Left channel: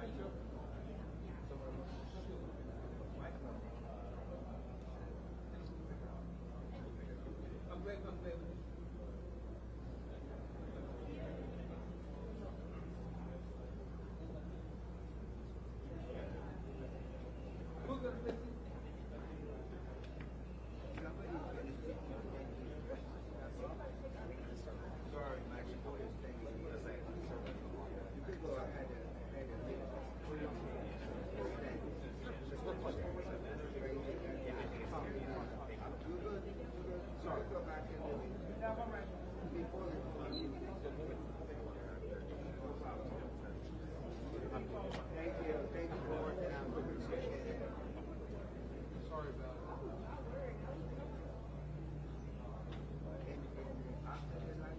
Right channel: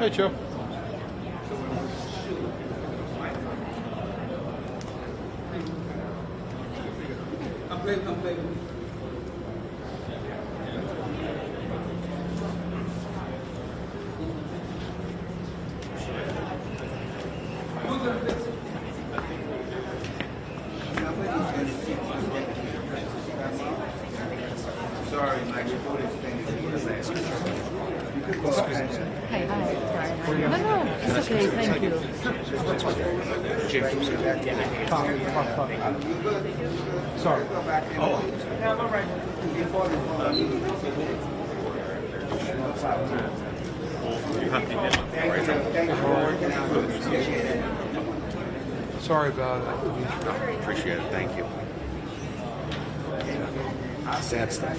Hey, Joe. Sorry, my recording thing is Hi, sorry. No, it's okay, thank you. Sorry. Oh. Yeah, I'm all right. Sorry about it. Appreciate it. Thank you. Sad stuff.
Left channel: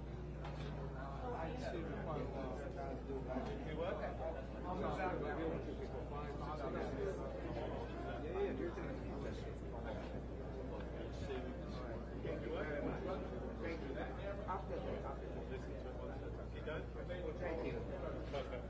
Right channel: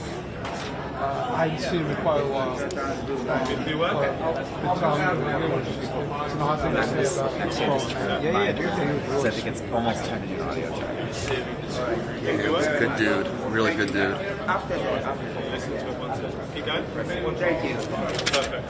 I hadn't seen him in quite a while. Do well? I think it's almost time to do an audio check. He's a good dude. Really good dude. Keep going. Thank you. Perfect.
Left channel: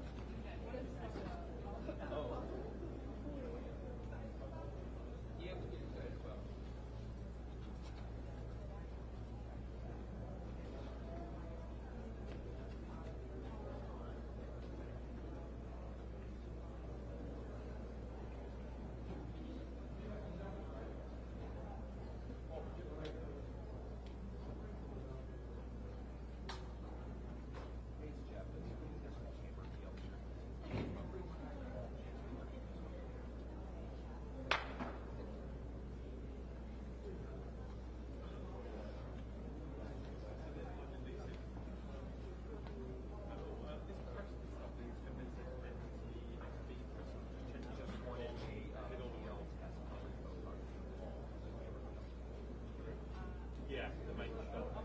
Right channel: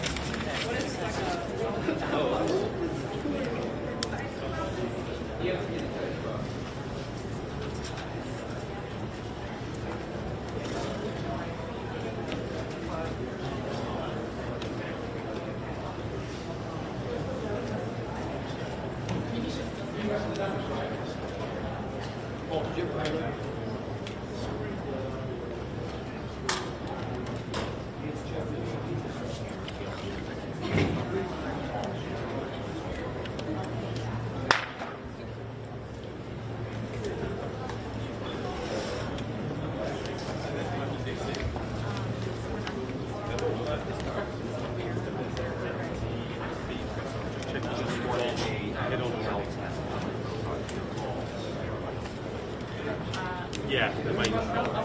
Yeah, the main shot.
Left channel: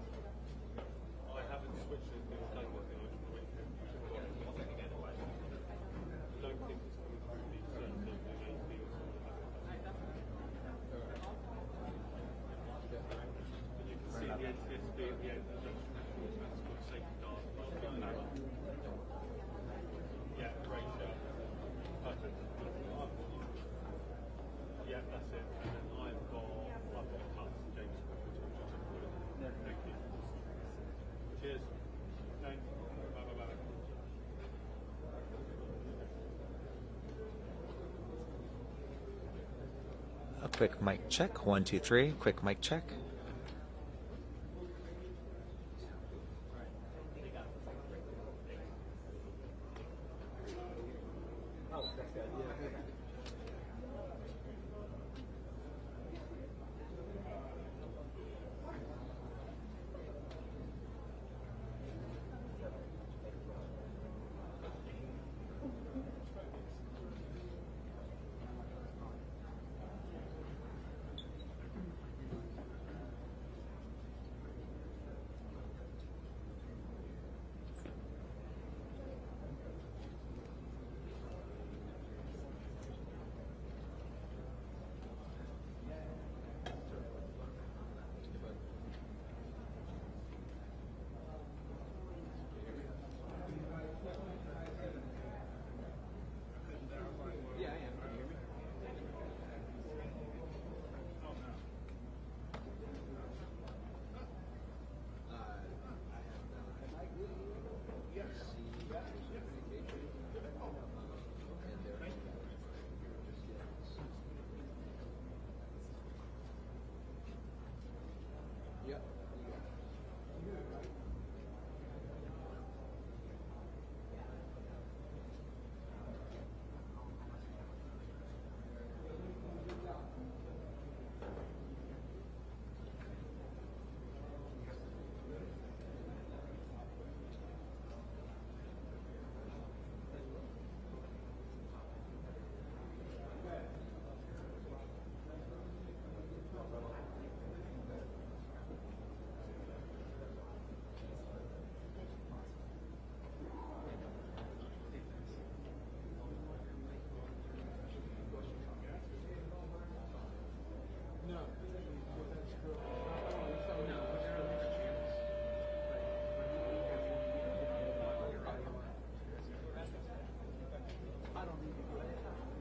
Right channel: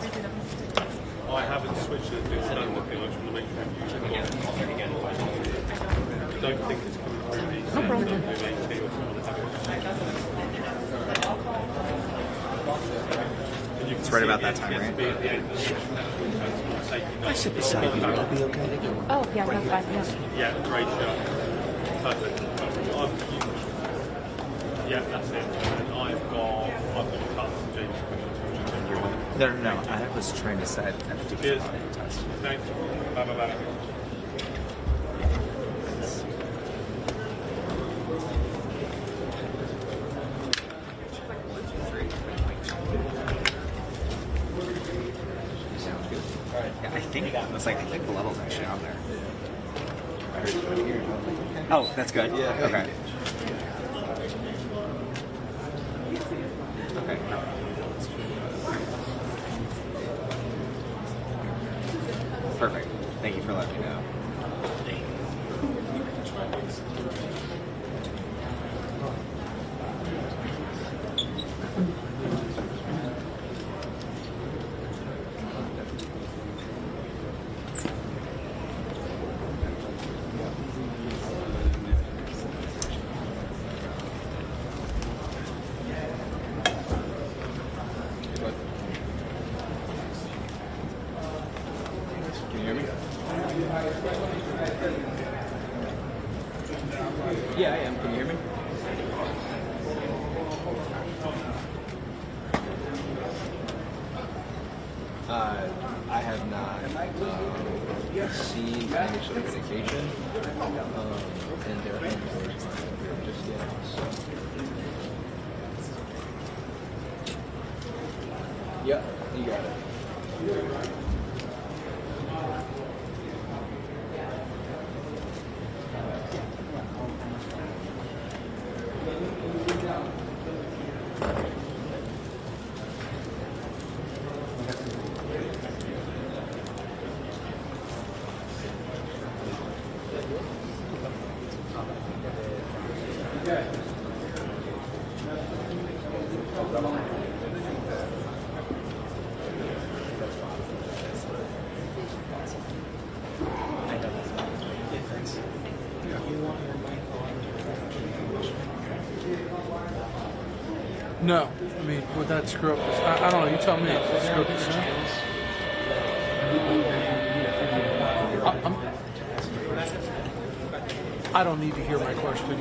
I haven't switched it to standard thing. I just want to make sure you I don't think it's coming through these. No problem. It's right about that time, right? I sit beside you. That'll be okay. Oh, yeah, that's fine, yeah. Yeah, great shot. Perfect. Yeah, that's it. And I've got cuts and James questions. No. I was trying to set a particular audio test. Thanks. Bye. Quick mic check. 1, 2, 3. Quick mic check. Sound good. All right. Yeah, I think that was like the level's actually on there. I heard you here. Oh, that's good. Yeah. Okay. Okay. Perfect. Thank you for letting me know. Can you hear me? Yeah, I am. Can you hear me? I have not seen any sort of indication, and they're just yet. So. Yeah, you got it. No, I mean, would that screw up this? I don't know, you tell me. Screw up this channels. I don't need to hear my question.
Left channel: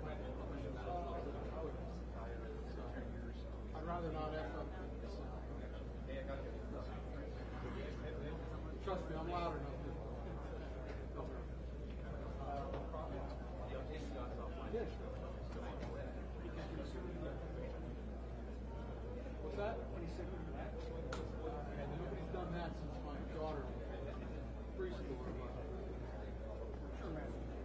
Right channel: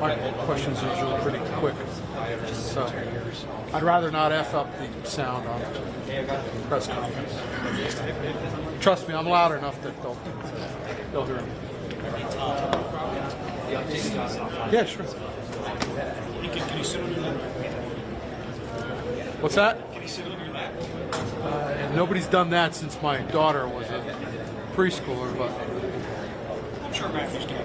My questions are usually pretty quick. So I'd rather not F up the sound on press conference. Trust me, I'm loud enough that they'll hear me. Yeah, sure. Can you sit on your lap? What's that? Can you sit on your lap? Nobody's done that since my daughter was a preschooler, but I'm sure Matthew's can.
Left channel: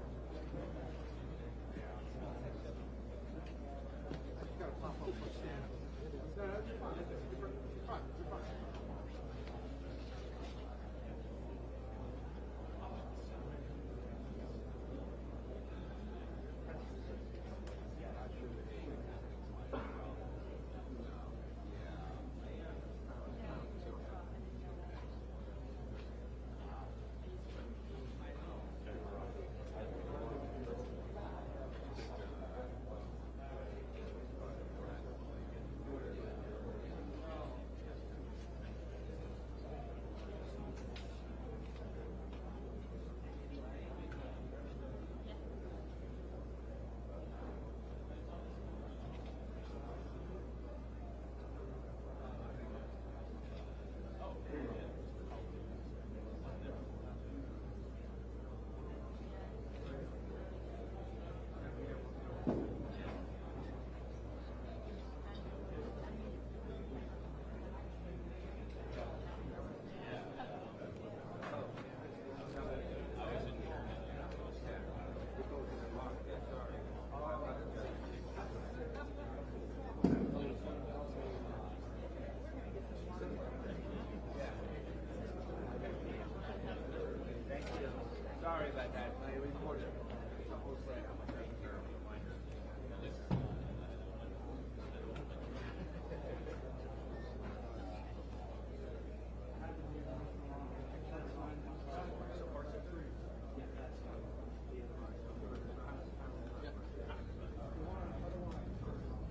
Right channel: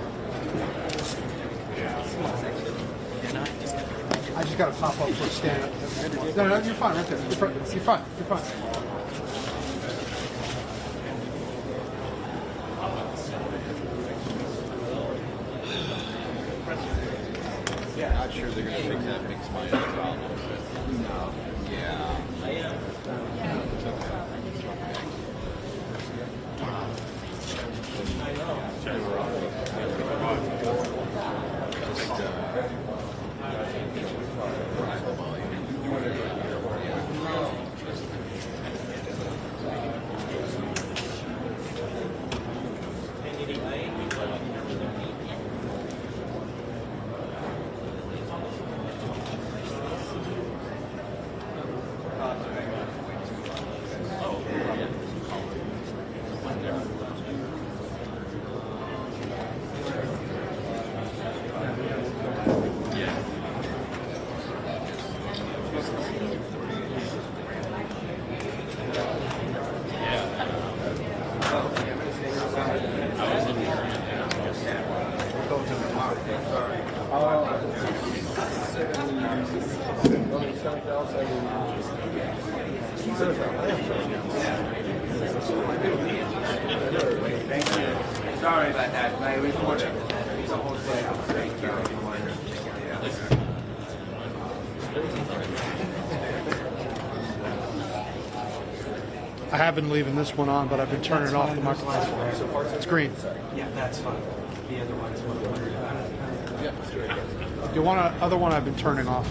I just got to pop up for a stand up. No, you're fine right there. You're fine. You're fine. Not sure they're going to fix that mixed minus problem. No. Yeah. Thank you. Sorry about that. My reporter. It's a whole day. Thank you. I have been leaving this one on, but I've been turning off the microphone. It's green. Yeah, that's fine. The other one's The other one I've been turning off.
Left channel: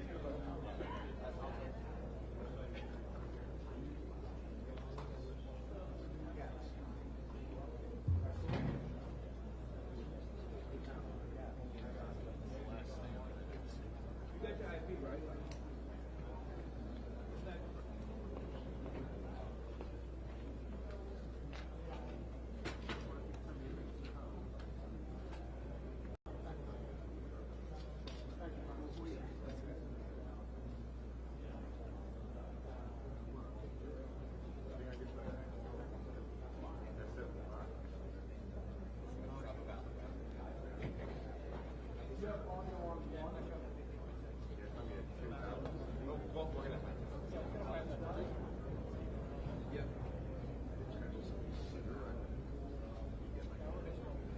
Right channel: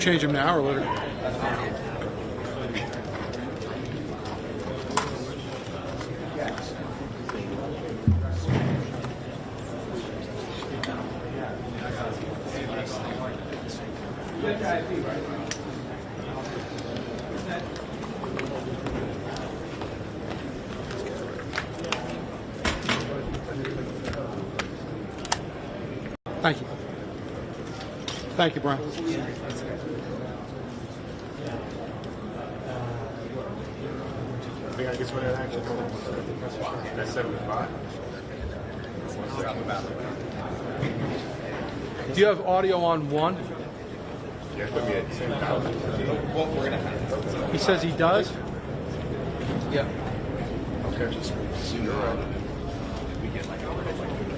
Change them now or later? Thank you. Thank you, Brian. I think I guess what that actually that's 75. Do you have audio on one? Yeah, put me at 10,000. What we're going to have. He says he does. Yeah. Okay. Just sooner or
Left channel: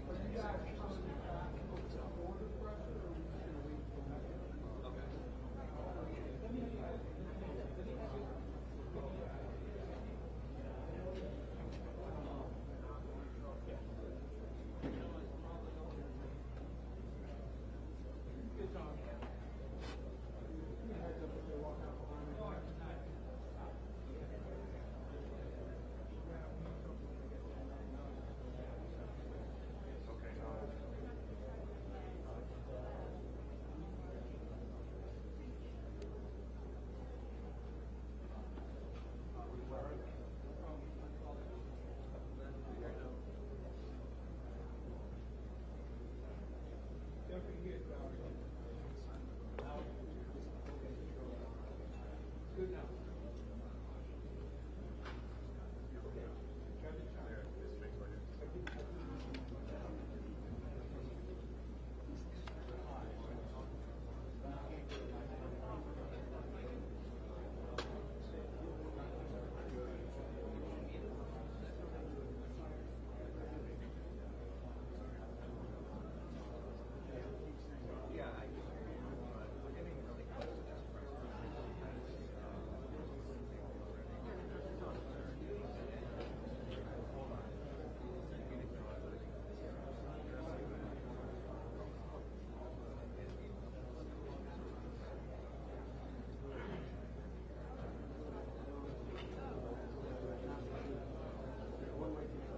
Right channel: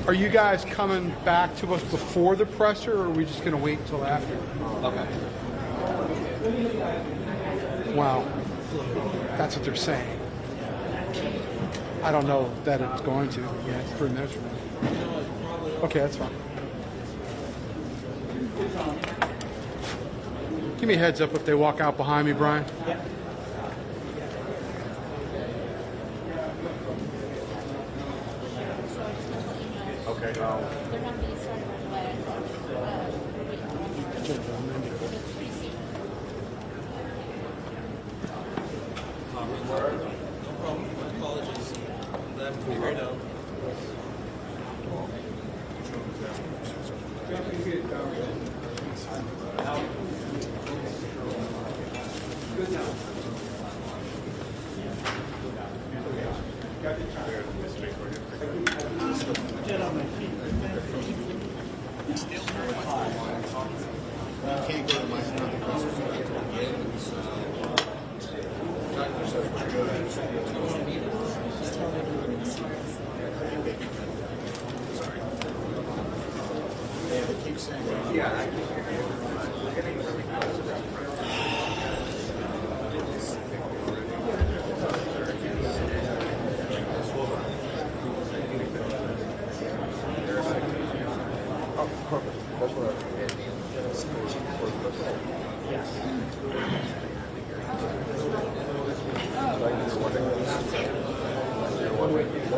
Are you guys coming back to us before the presser, or are we just going to wait until after? Okay. Wow. That's what they're saying. I don't know that it's going to. Yeah, it's 3 minutes from now. Okay, that's fine. Give me a heads up if they walk out behind me, Brian. okay. I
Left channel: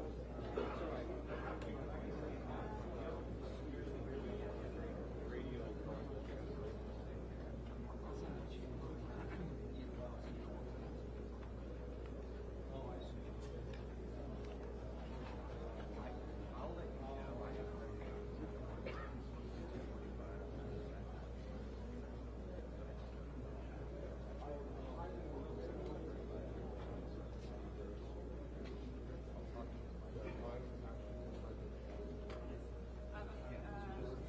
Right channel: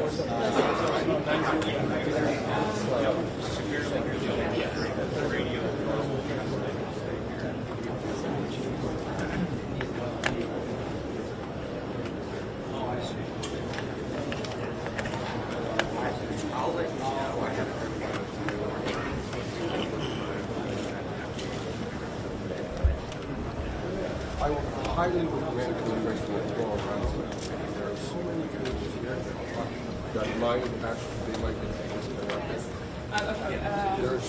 highly recommend the question of all around. There are so many cables here that might actually, they might be disconnected. There's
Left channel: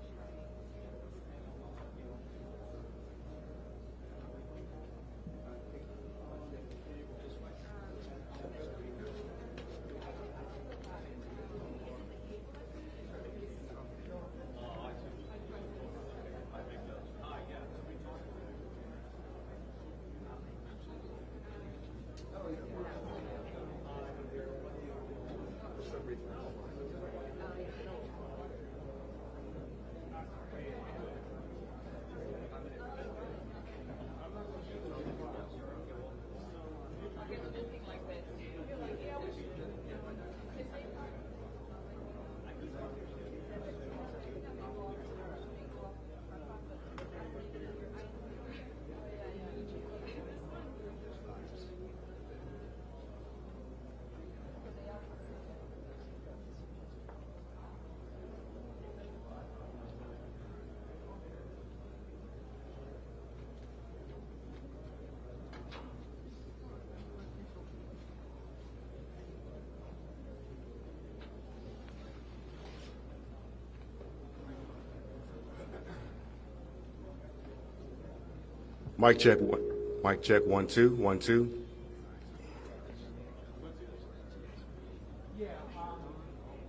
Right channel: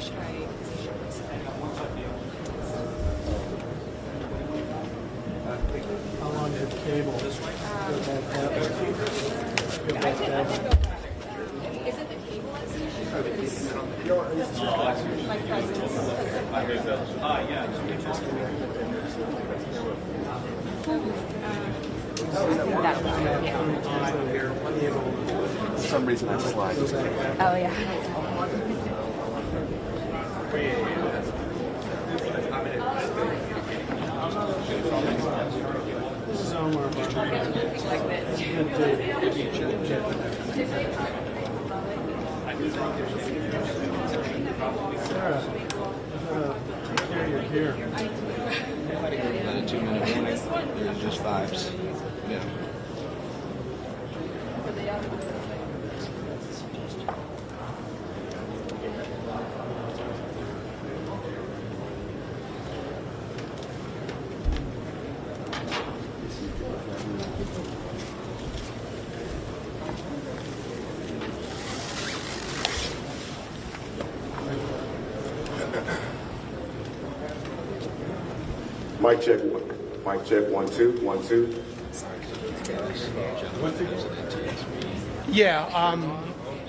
should I? How long is the cable? Is it the cable that's the issue? My presence. For some reason I slide. Oh, yeah. Here. Not a 2-minute warning. Just vibes. Yeah. Mic check. Mic check. 1 2 1 2. Yeah,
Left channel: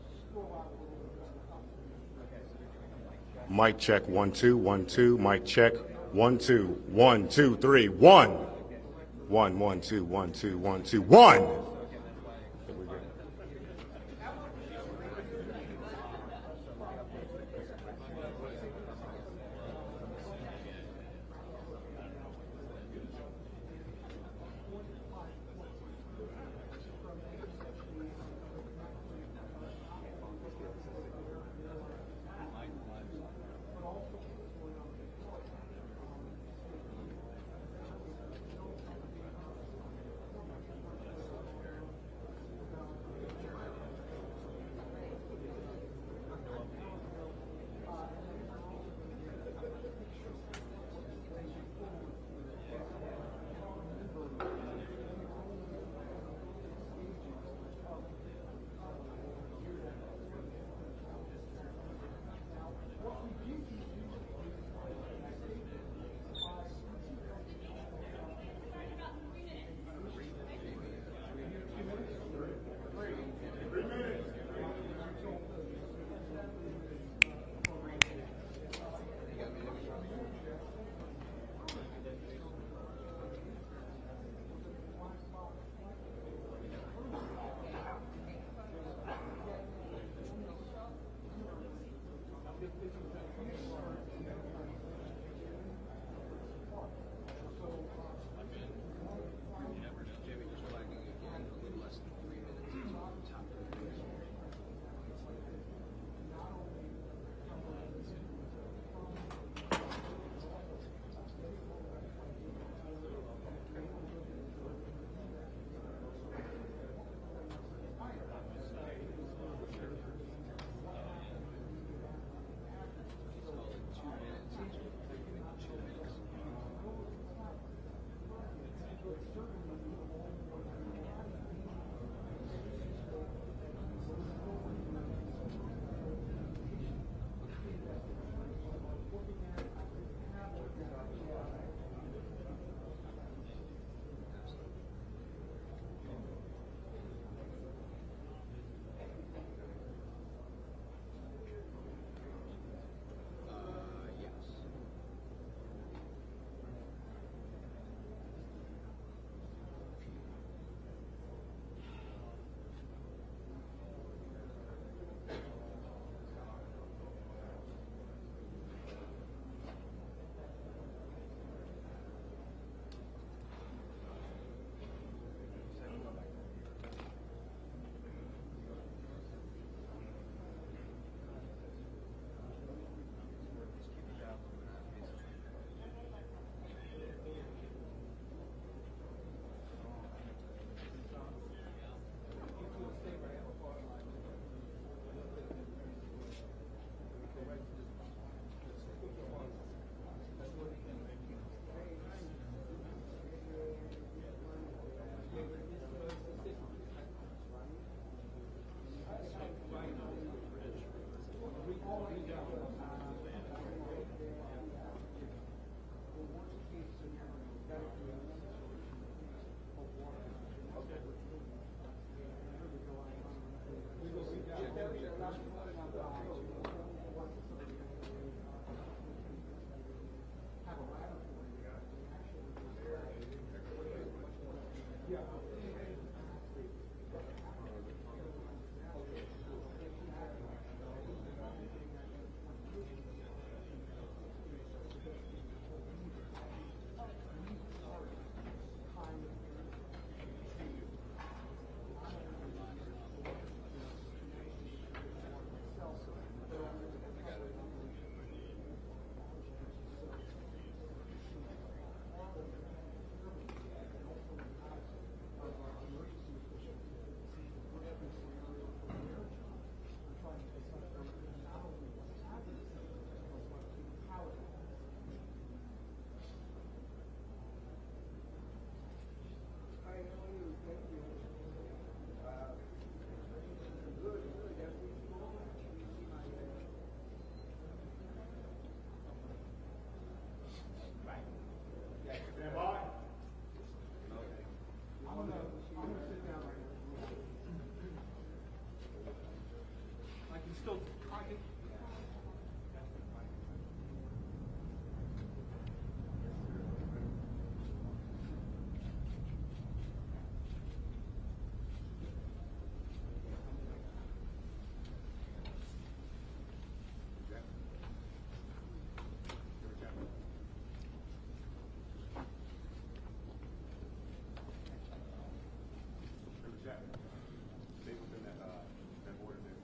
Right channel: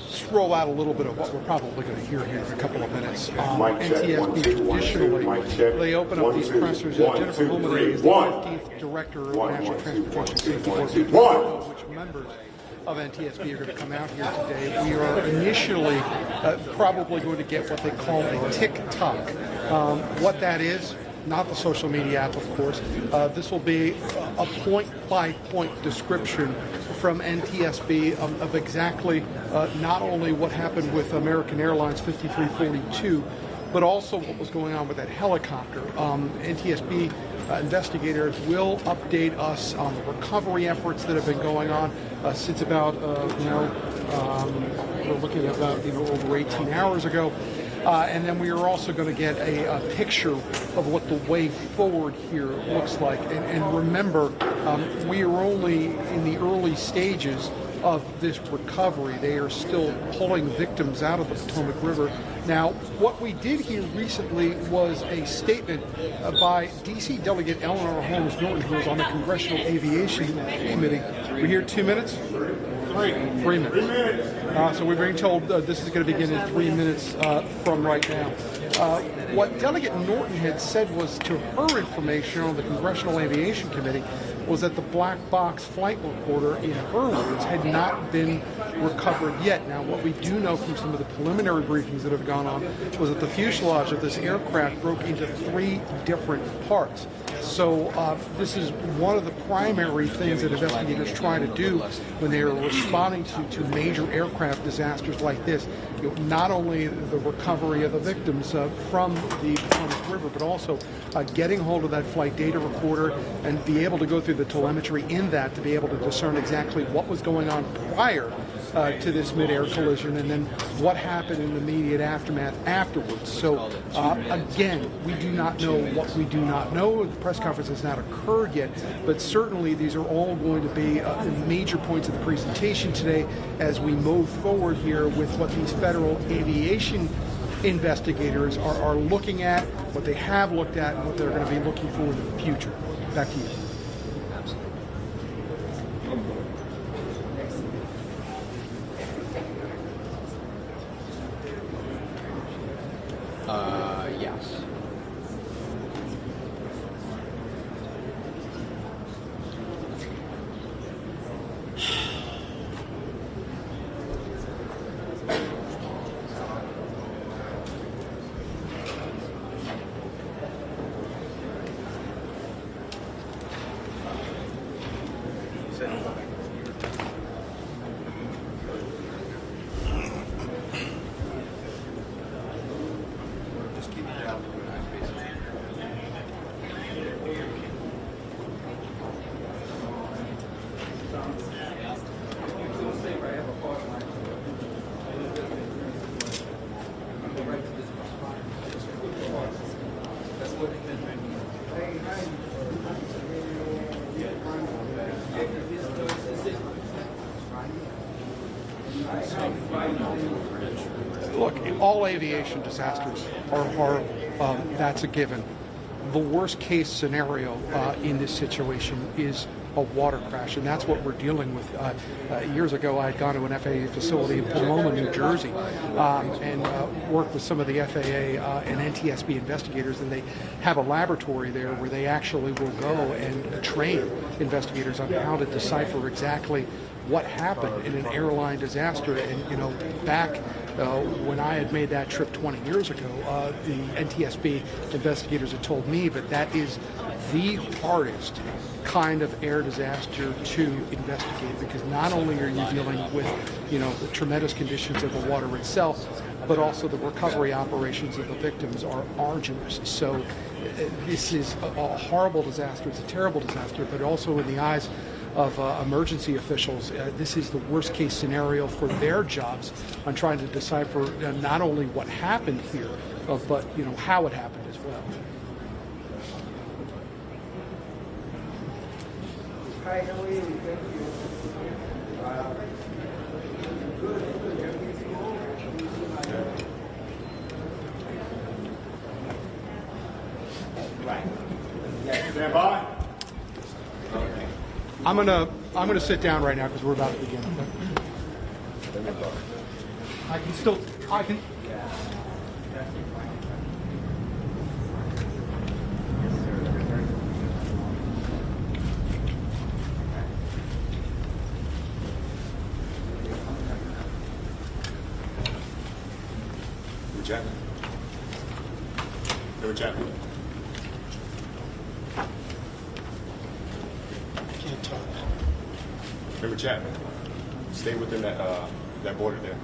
just roll out a little bit of what we're probably going to hear here in a couple of minutes. Mic check. NTSB 1 2 1 2. traditionally, Mic check. They open up 1 these 2 pressers. 1 Jennifer 2 Holmes 3 is the 1 15th Director of 1 National 1 2 1 2 Transportation 1 Safety 2 Board, 1. which members of NTSB are going to come out here today. We are initially probably going to get what they call a TikTok. What that is, not the social media app, of course. This will be a point-by-point description from NTSB of exactly not only what happened with American Airlines 5342, but also what was going on with that helicopter. NTSB investigators will update us on the recovery efforts that have been going on since about, we're looking at about over 18 hours ago. And then we are also going to get a picture of what the way forward here looks like. And remember, we are only in the early stages of this recovery. They are still pulling victims out of the Potomac River. Now, what we did hear recently was a statement by D.C. Delegate Eleanor Holmes Norton, who is on the Congressional Aviation Committee. We hear 2 minutes? 3 minutes. So we're being told this is going to begin in 3 minutes from right now. What Delegate Norton had said was, to her information on the Congressional Aviation Committee, was that the black box flight recorder, in her words, had not been recovered yet. Now, what we do know from some of the preliminary briefings that have gone on was that the fuselage of this aircraft broke into 3 different parts. So this is one of the primary things that investigators try to do when they are responding to major aircraft disasters like this. Not only the recovery of the victims from the Potomac River, but also getting hold of that flight data recorder and be able to go through the telemetry in that to be able to discern exactly what was going on prior to this mid-air collision, and then what happened in the immediate aftermath afterwards. So again, we do not know what we do not know. The press conference has not occurred yet, but certainly these are all going to be major points of the presentation today as we move forward here with what these federal aviation investigators are looking at, what they have looked at, and what they're going to be looking for in the future. Back to you. Yes. Look, all aviation disasters are horrible. That's a given. The worst case scenario in this situation is a water crash, and that's what we're dealing with. Years ago, I had gone to an FAA facility in Potomac, New Jersey, and worked with some of the FAA and NTSB investigators, and they have a laboratory there where they actually will go and train investigators on how to decipher exactly what happened in an airline disaster. And back when I had made that trip 20 years ago, the NTSB investigators had told me that that is the hardest kind of air disaster to investigate, because not only are you dealing with, the tremendous conditions of the water itself, but also the recovery operations of the victims are arduous. So this is a horrible disaster. It's a terrible disaster, but also in the eyes of emergency officials, this is the worst case scenario for their jobs on trying to decipher not only what happened here, but how it happened as well. Hi, how are you? Thank you. Stand by. I'm gonna sit down right now because we're about to begin. I can. Chapman. Go Chapman. I can't talk. Remember Chapman. Stay within that border there.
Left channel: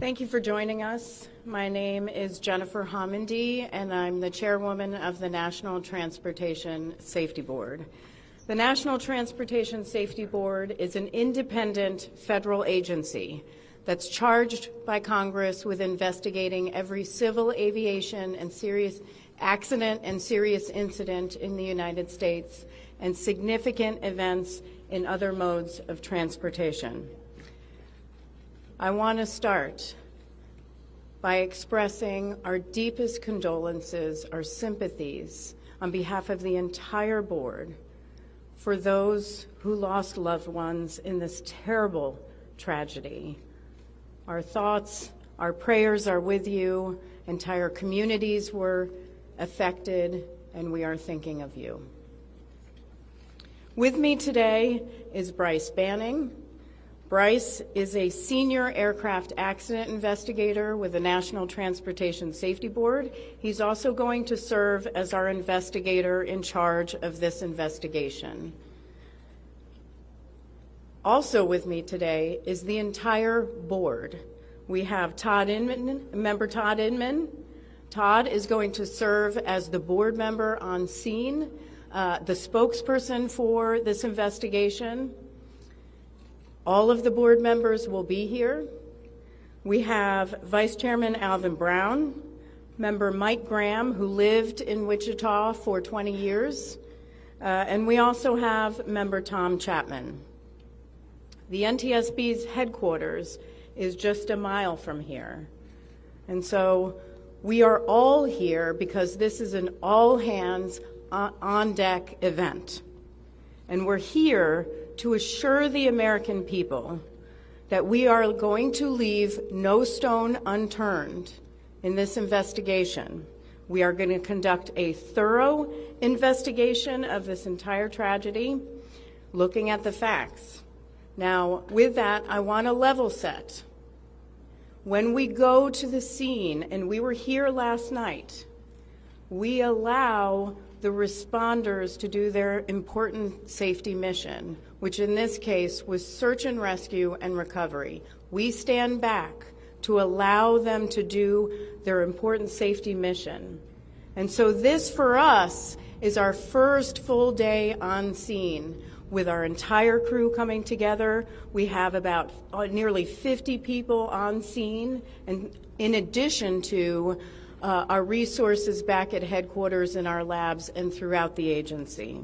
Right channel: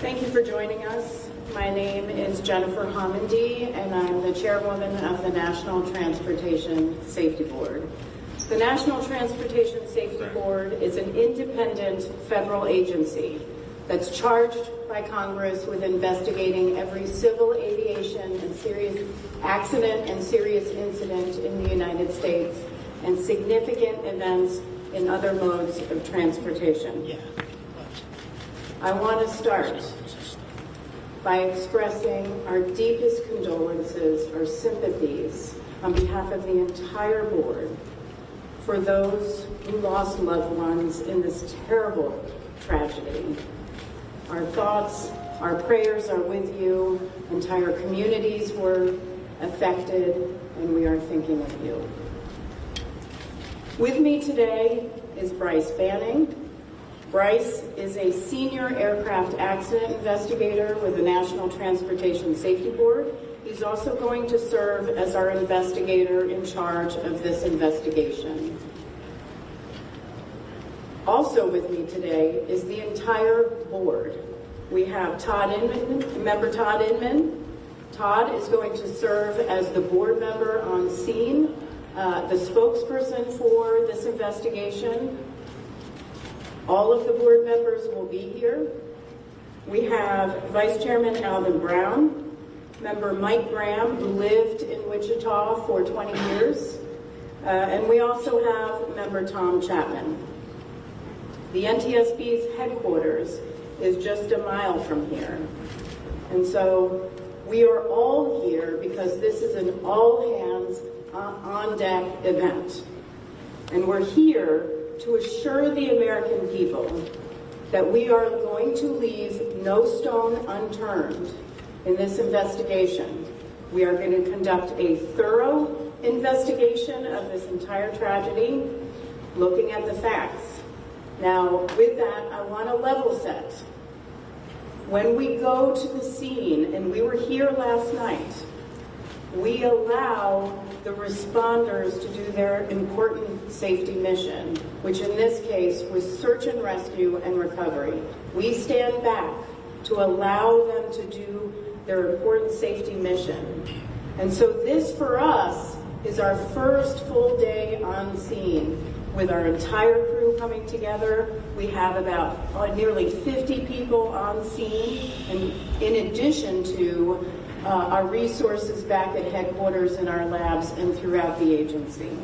Thank you for joining us. My name is Jennifer Homendy, and I'm the chairwoman of the National Transportation Safety Board. The National Transportation Safety Board is an independent federal agency that's charged by Congress with investigating every civil aviation and serious accident and serious incident in the United States and significant events in other modes of transportation. I want to start by expressing our deepest condolences, our sympathies on behalf of the entire board for those who lost loved ones in this terrible tragedy. Our thoughts, our prayers are with you. Entire communities were affected, and we are thinking of you. With me today is Bryce Banning. Bryce is a senior aircraft accident investigator with the National Transportation Safety Board. He's also going to serve as our investigator in charge of this investigation. Also with me today is the entire board. We have Todd Inman, member Todd Inman. Todd is going to serve as the board member on scene, the spokesperson for this investigation. All of the board members will be here. We have Vice Chairman Alvin Brown, member Mike Graham, who lived in Wichita for 20 years, and we also have member Tom Chapman. The NTSB's headquarters is just a mile from here. And so we are all here because this is an all-hands on-deck event. And we're here to assure the American people that we are going to leave no stone unturned in this investigation. We are going to conduct a thorough investigation of this entire tragedy, looking at the facts. Now, with that, I want to level set. When we go to the scene, and we were here last night, we allow the responders to do their important safety mission, which in this case was search and rescue and recovery. We stand back to allow them to do their important safety mission. And so this, for us, is our first full day on scene with our entire crew coming together. We have about nearly 50 people on scene, and in addition to our resources back at headquarters, in our labs, and throughout the agency.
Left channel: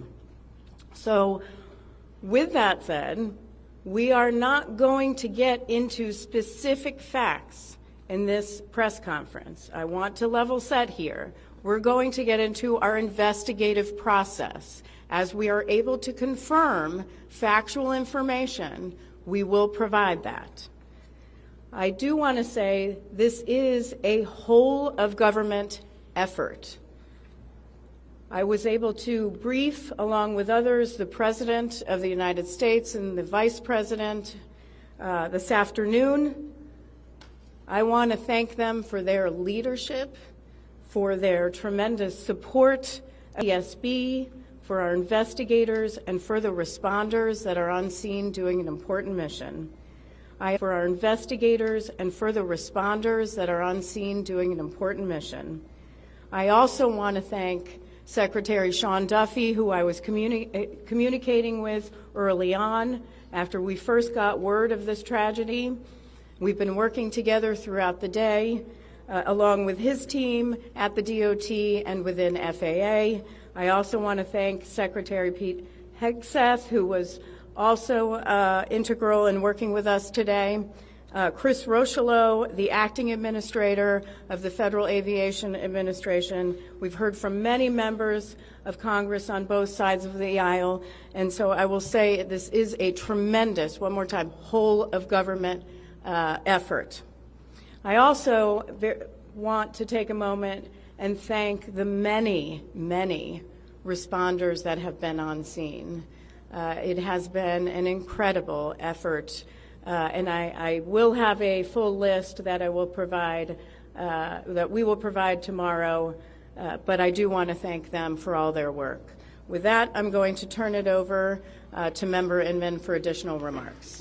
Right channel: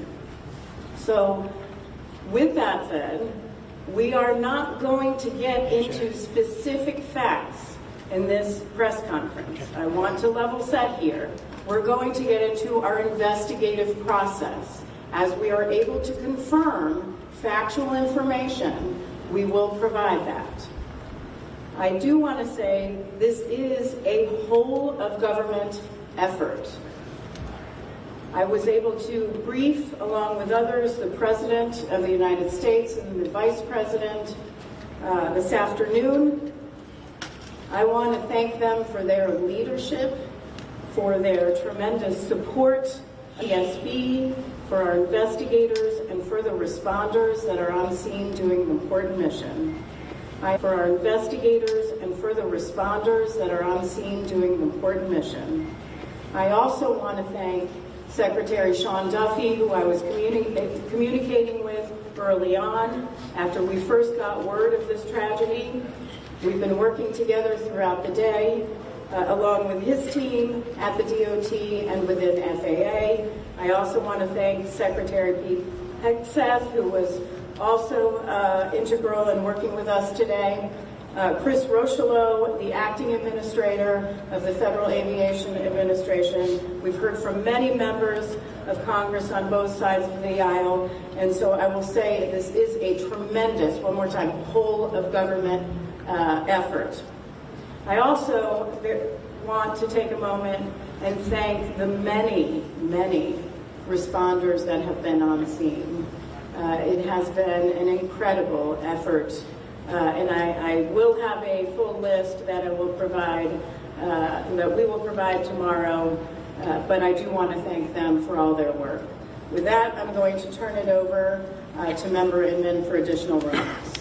So with that said, we are not going to get into specific facts in this press conference. I want to level set here. We're going to get into our investigative process. As we are able to confirm factual information, we will provide that. I do want to say this is a whole of government effort. I was able to brief, along with others, the President of the United States and the Vice President this afternoon. I want to thank them for their leadership, for their tremendous support, NTSB, for our investigators, and for the responders that are on scene doing an important mission. For our investigators and for the responders that are on scene doing an important mission. I also want to thank Secretary Sean Duffy, who I was communicating with early on after we first got word of this tragedy. We've been working together throughout the day, along with his team at the DOT and within FAA. I also want to thank Secretary Pete Hegseth, who was also integral in working with us today. Chris Rocheleau, the acting administrator of the Federal Aviation Administration. We've heard from many members of Congress on both sides of the aisle, and so I will say this is a tremendous, one more time, whole of government effort. I also want to take a moment and thank the many, many responders that have been on scene. It has been an incredible effort, and I will have a full list that I will provide, that we will provide tomorrow, but I do want to thank them for all their work. With that, I'm going to turn it over to Member Inman for additional remarks.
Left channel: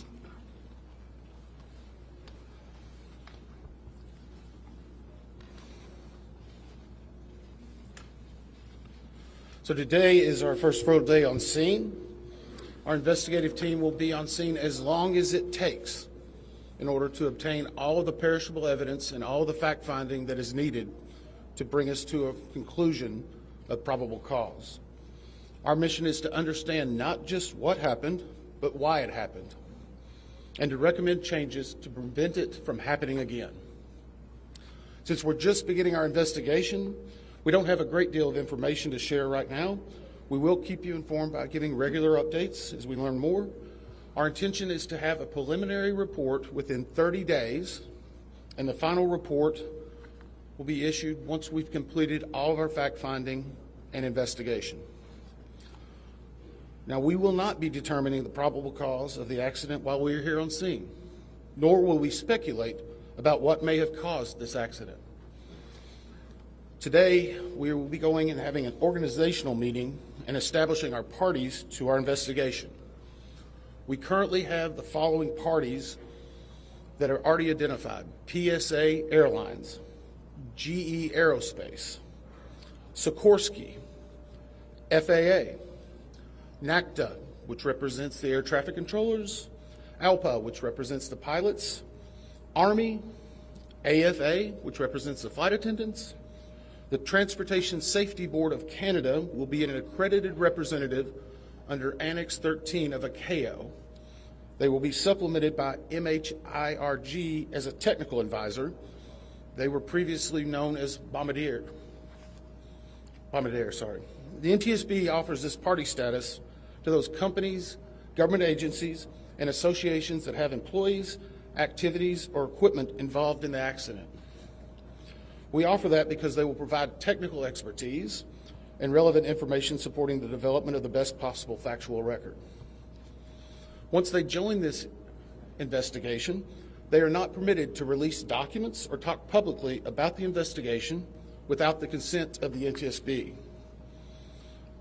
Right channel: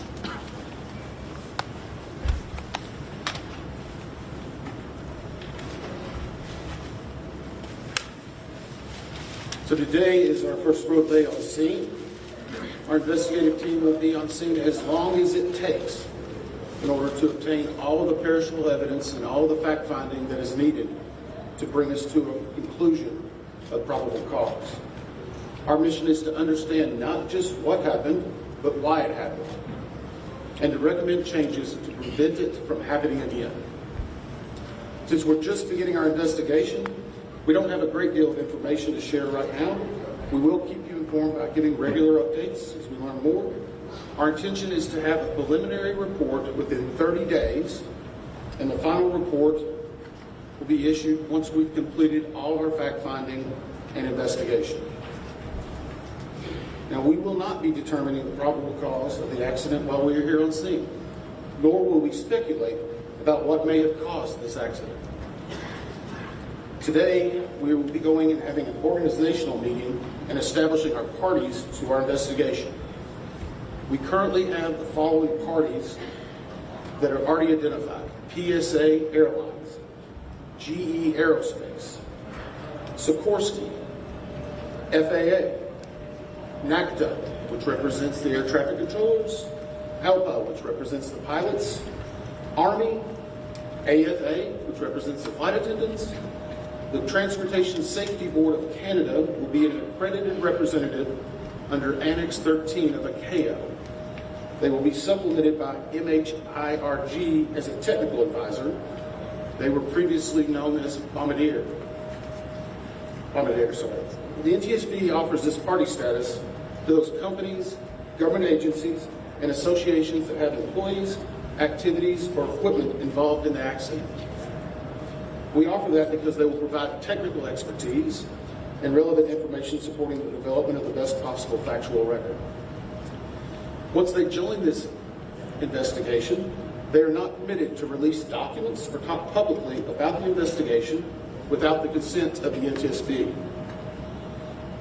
So today is our first road day on scene. Our investigative team will be on scene as long as it takes in order to obtain all of the perishable evidence and all of the fact-finding that is needed to bring us to a conclusion of probable cause. Our mission is to understand not just what happened, but why it happened, and to recommend changes to prevent it from happening again. Since we're just beginning our investigation, we don't have a great deal of information to share right now. We will keep you informed by giving regular updates as we learn more. Our intention is to have a preliminary report within 30 days, and the final report will be issued once we've completed all of our fact-finding and investigation. Now, we will not be determining the probable cause of the accident while we are here on scene, nor will we speculate about what may have caused this accident. Today, we will be going and having an organizational meeting and establishing our parties to our investigation. We currently have the following parties that are already identified: PSA Airlines, GE Aerospace, Sikorsky, FAA, NACTA, which represents the air traffic controllers, ALPA, which represents the pilots, Army, AFA, which represents the flight attendants. The Transportation Safety Board of Canada will be an accredited representative under Annex 13 of ICAO. They will be supplemented by MHIRG as a technical advisor. They were previously known as Bombardier. The NTSB offers this party status to those companies, government agencies, and associations that have employees, activities, or equipment involved in the accident. We offer that because they will provide technical expertise and relevant information supporting the development of the best possible factual record. Once they join this investigation, they are not permitted to release documents or talk publicly about the investigation without the consent of the NTSB.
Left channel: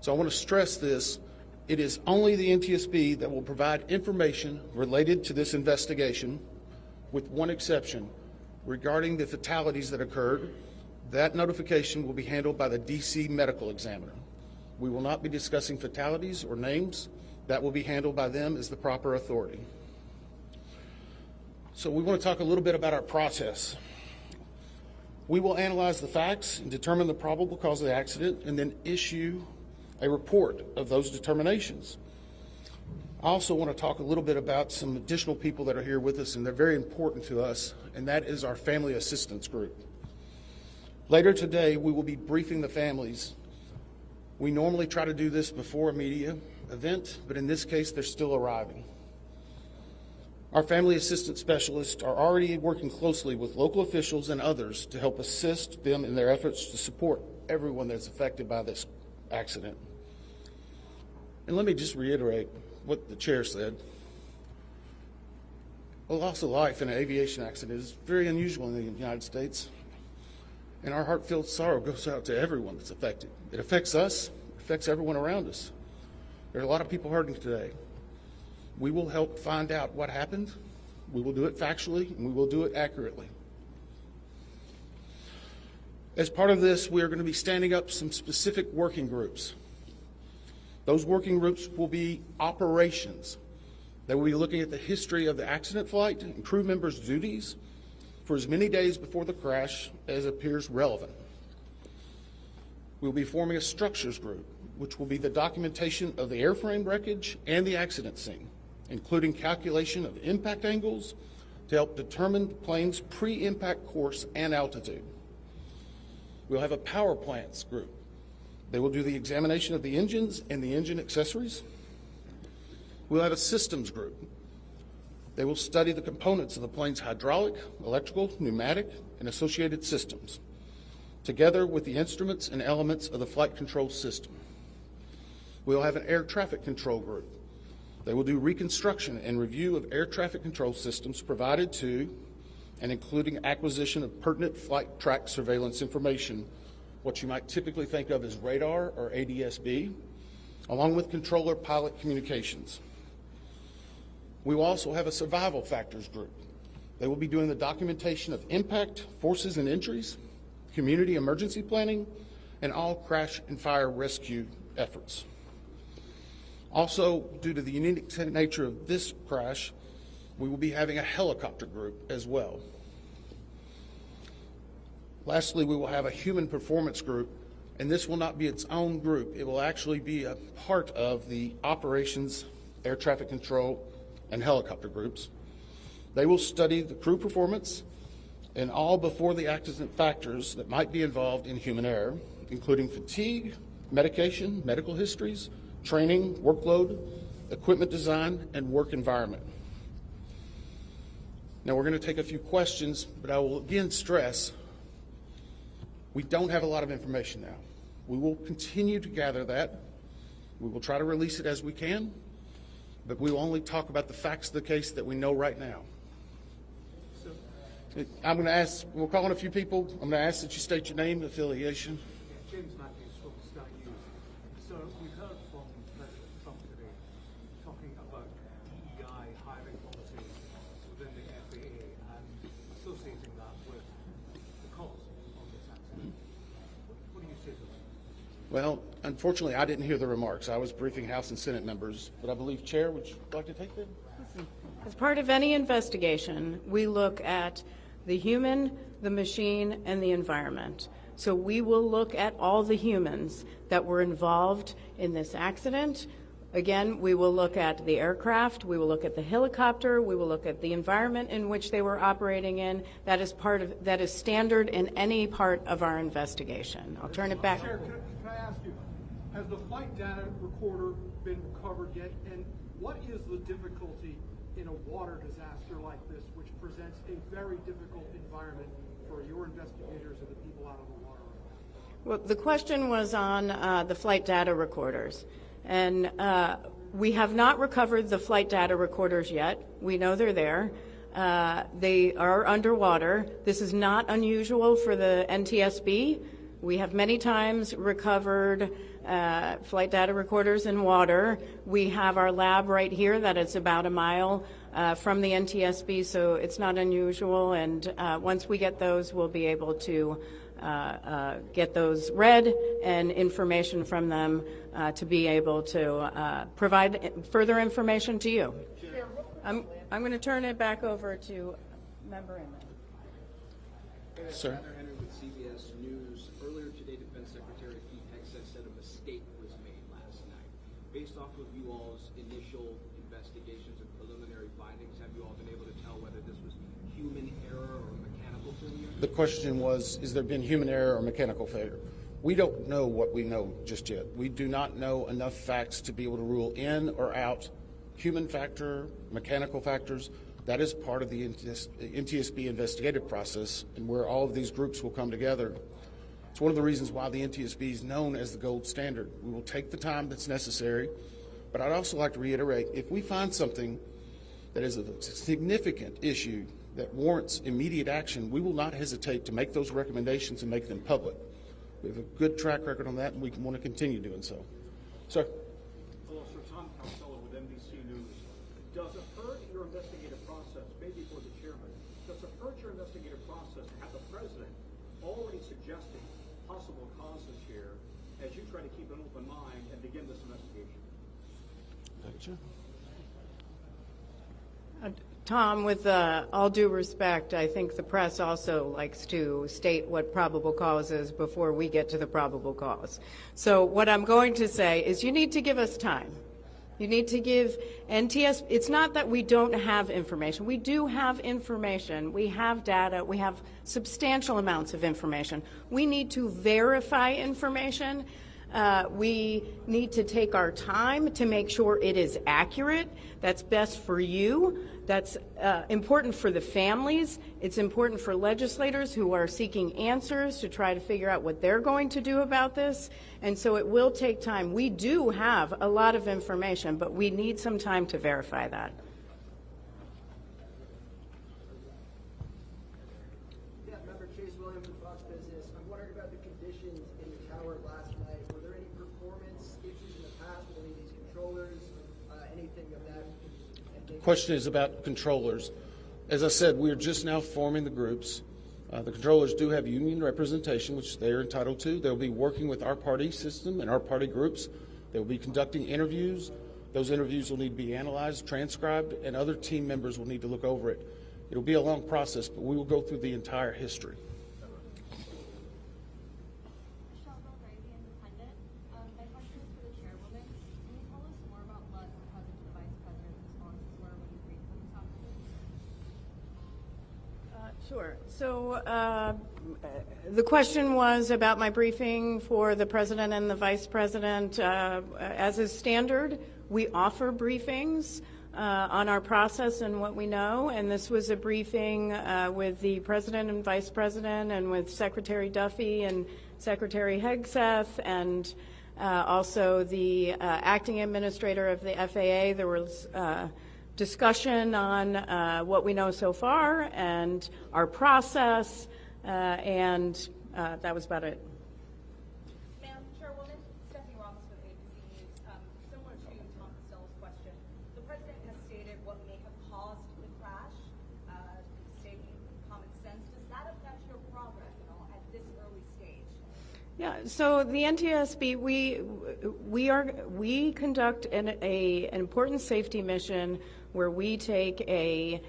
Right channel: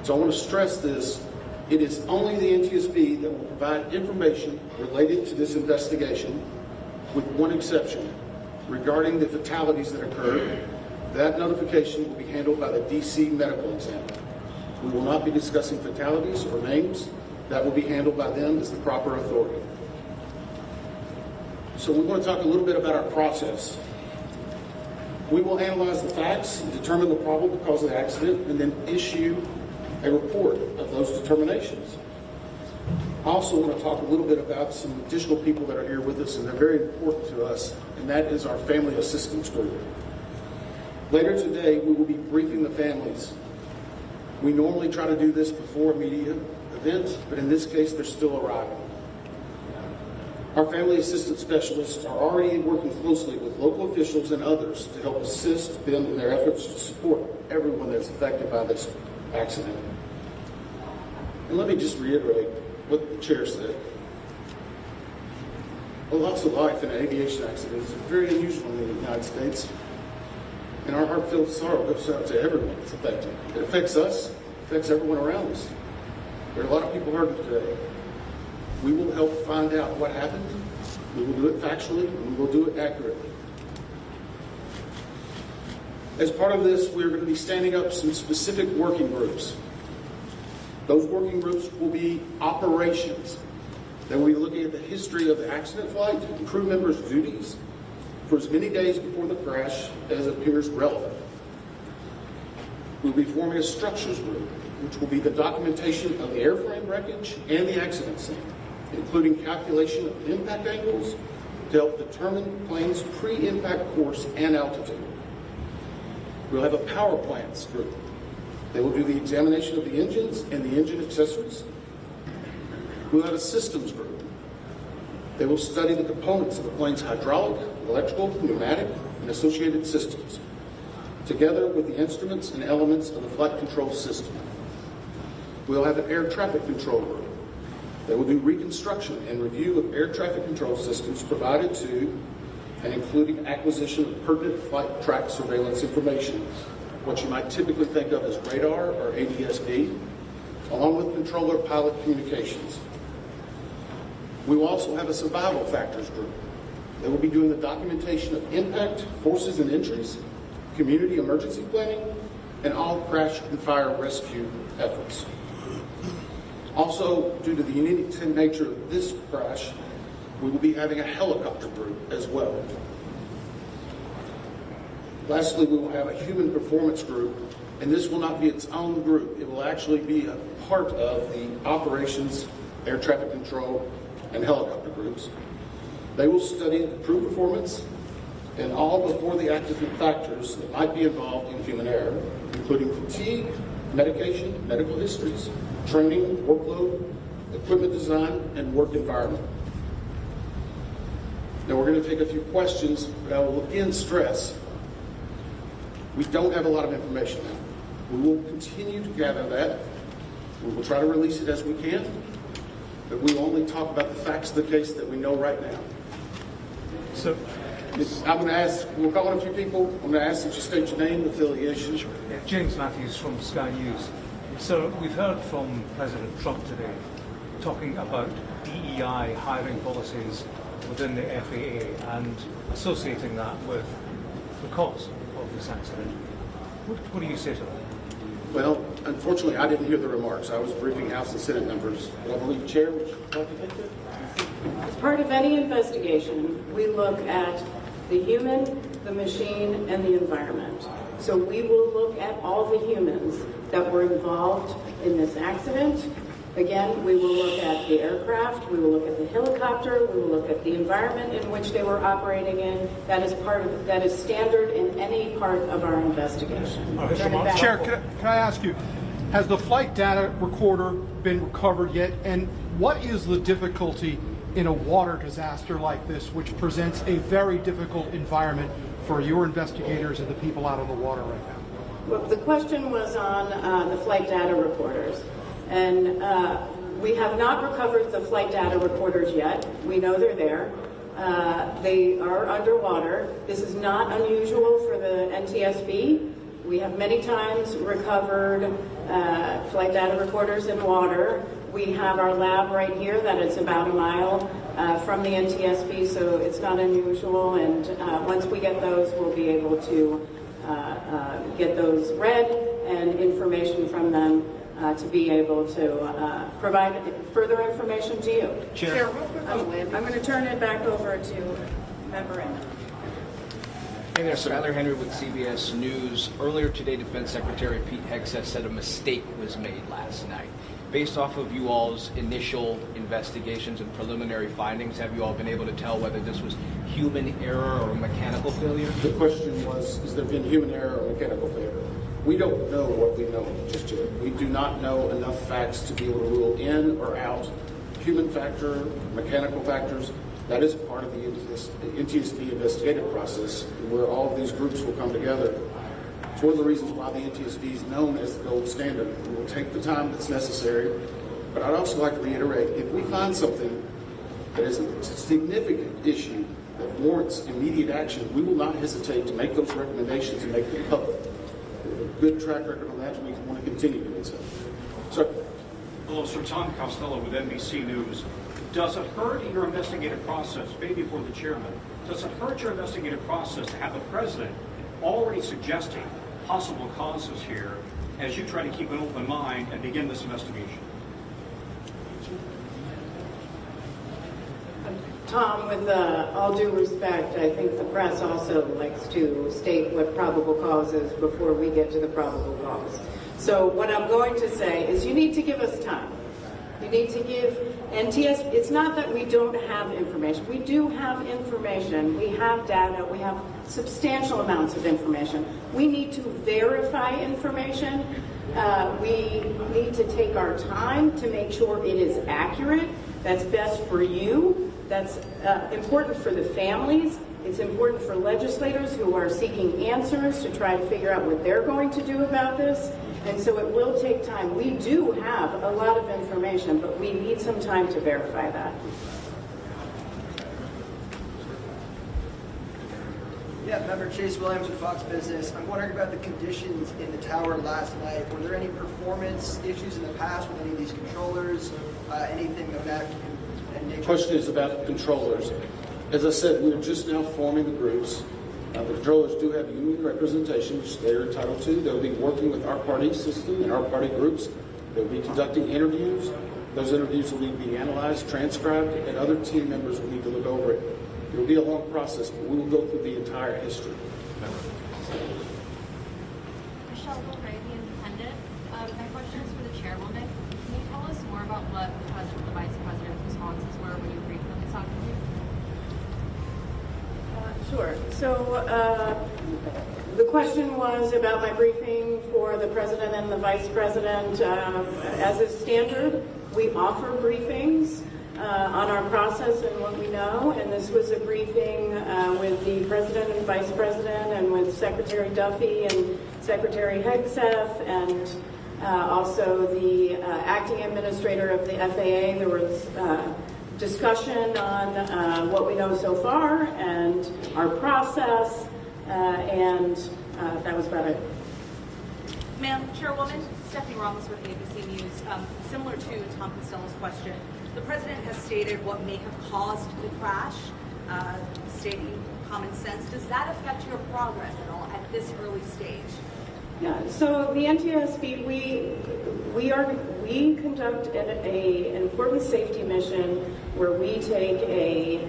So I want to stress this. It is only the NTSB that will provide information related to this investigation, with one exception. Regarding the fatalities that occurred, that notification will be handled by the DC medical examiner. We will not be discussing fatalities or names. That will be handled by them as the proper authority. So we want to talk a little bit about our process. We will analyze the facts, determine the probable cause of the accident, and then issue a report of those determinations. I also want to talk a little bit about some additional people that are here with us, and they're very important to us, and that is our family assistance group. Later today, we will be briefing the families. We normally try to do this before a media event, but in this case, they're still arriving. Our family assistance specialists are already working closely with local officials and others to help assist them in their efforts to support everyone that's affected by this accident. And let me just reiterate what the chair said. A loss of life in an aviation accident is very unusual in the United States, and our heartfelt sorrow goes out to everyone that's affected. It affects us, it affects everyone around us. There are a lot of people hurting today. We will help find out what happened. We will do it factually, and we will do it accurately. As part of this, we're going to be standing up some specific working groups. Those working groups will be operations. They will be looking at the history of the accident flight and crew members' duties for as many days before the crash as appears relevant. We'll be forming a structures group, which will be the documentation of the airframe wreckage and the accident scene, including calculation of impact angles to help determine plane's pre-impact course and altitude. We'll have a power plants group. They will do the examination of the engines and the engine accessories. We'll have a systems group. They will study the components of the plane's hydraulic, electrical, pneumatic, and associated systems, together with the instruments and elements of the flight control system. We'll have an air traffic control group. They will do reconstruction and review of air traffic control systems provided to and including acquisition of pertinent flight track surveillance information, what you might typically think of as radar or NTSB, along with controller pilot communications. We will also have a survival factors group. They will be doing the documentation of impact, forces and injuries, community emergency planning, and all crash and fire rescue efforts. Also, due to the unique nature of this crash, we will be having a helicopter group as well. Lastly, we will have a human performance group, and this will not be its own group. It will actually be a part of the operations, air traffic control, and helicopter groups. They will study the crew performance and all before the accident factors that might be involved in human error, including fatigue, medication, medical histories, training, workload, equipment design, and work environment. Now we're going to take a few questions, but I will again stress, we don't have a lot of information now. We will continue to gather that. We will try to release it as we can, but we will only talk about the facts of the case that we know right now. So I'm going to ask, we'll call on a few people. I'm going to ask that you state your name and affiliation. James Matthews from Sky News. So we've heard from President Trump today talking about DEI hiring policies within the FAA and associating that with the cause of this accident. What do you say to that? Well, unfortunately, I didn't hear the remarks. I was briefing House and Senate members. But I believe, Chair, would you like to take that? As part of any investigation, we look at the human, the machine, and the environment. So we will look at all the humans that were involved in this accident. Again, we will look at the aircraft, we will look at the helicopter, we will look at the environment in which they were operating in. That is standard in any part of our investigation. Turn it back. Chair, can I ask you, has the flight data recorder been recovered yet? And what is the difficulty in a water disaster like this, which presents a very difficult environment for your investigators and the people out on the water right now? Well, the question was on the flight data recorders. And we have not recovered the flight data recorders yet. We know they're there. They are underwater. This is not unusual for the NTSB. We have many times recovered flight data recorders in water. We have our lab right here that is about a mile from the NTSB, so it's not unusual. And once we get those, we'll be able to get those read and information from them to be able to provide further information to you. Chair, I'm going to turn it back over to Member Inman. Hey there, Skyler Henry with CBS News. Earlier today, Defense Secretary Pete Hegseth said a mistake was made last night. Based off of you all's initial investigations and preliminary findings, have you all been able to tell whether this was human error or mechanical failure? The question was, has there been human error or mechanical failure? We don't know what we know just yet. We do not know enough facts to be able to rule in or out human factor, mechanical factors. That is part of the NTSB investigative process, where all of these groups will come together. It's one of the reasons why the NTSB is known as the gold standard. We will take the time that's necessary, but I'd also like to reiterate, if we find something that is a significant issue that warrants immediate action, we will not hesitate to make those recommendations and make them public. We have a good track record on that, and we want to continue doing so. Sir? Hello, Sir. Tom Costello with NBC News. Does it hurt in your investigative process, maybe for the chairman, does it hurt your investigative process to have the president already suggesting possible causes here as you try to keep an open mind and begin this investigation? Tom, with all due respect, I think the press also likes to state what probable cause is before we get to the probable cause. So what I'm going to say is you need to give us time. You need to give NTSB, it's not that we don't have information. We do have information. We have data. We have substantial amounts of information. We need to verify information. We need to take our time to make sure it is accurate. That's best for you. That's important for the families. It's important for legislators who are seeking answers to try to figure out what they're going to do about this. And so it will take time. We do have a lot of information, but we need some time to verify that. Yeah, member Chase Williams with Fox Business. I'm wondering about the conditions in the tower last night. Were there any performance issues in the past with any of these controllers? Anything of that nature? The question is about controllers. As I said, we're just now forming the groups. The controllers do have union representation, which they're entitled to. They'll be working with our party system and our party groups. They'll be conducting interviews. Those interviews will need to be analyzed, transcribed, and other team members will need to look over it. It will be a long process, but we will go through the entire history. Michelle Gray, The Independent. My question is for the chairwoman. Can you tell us more about what the president and the vice president's responses were when you briefed them this afternoon? Sure. So the question was about my briefing for the president and the vice president. As is standard, we offer briefings on our process and what we know, and this was a briefing with the president and vice president and with Secretary Duffy and Secretary Hegseth and also the acting administrator of the FAA. There was discussion on what we know so far and our process, and that was about it. Ma'am, Chairwoman, Stephanie Ramos with ABC News. Similar to Tom Costello's question, the President has stated what may have caused the crash, stating common sense. Does that affect your progress at all at this early stage? Yeah, so the NTSB, we conduct an important safety mission where we take a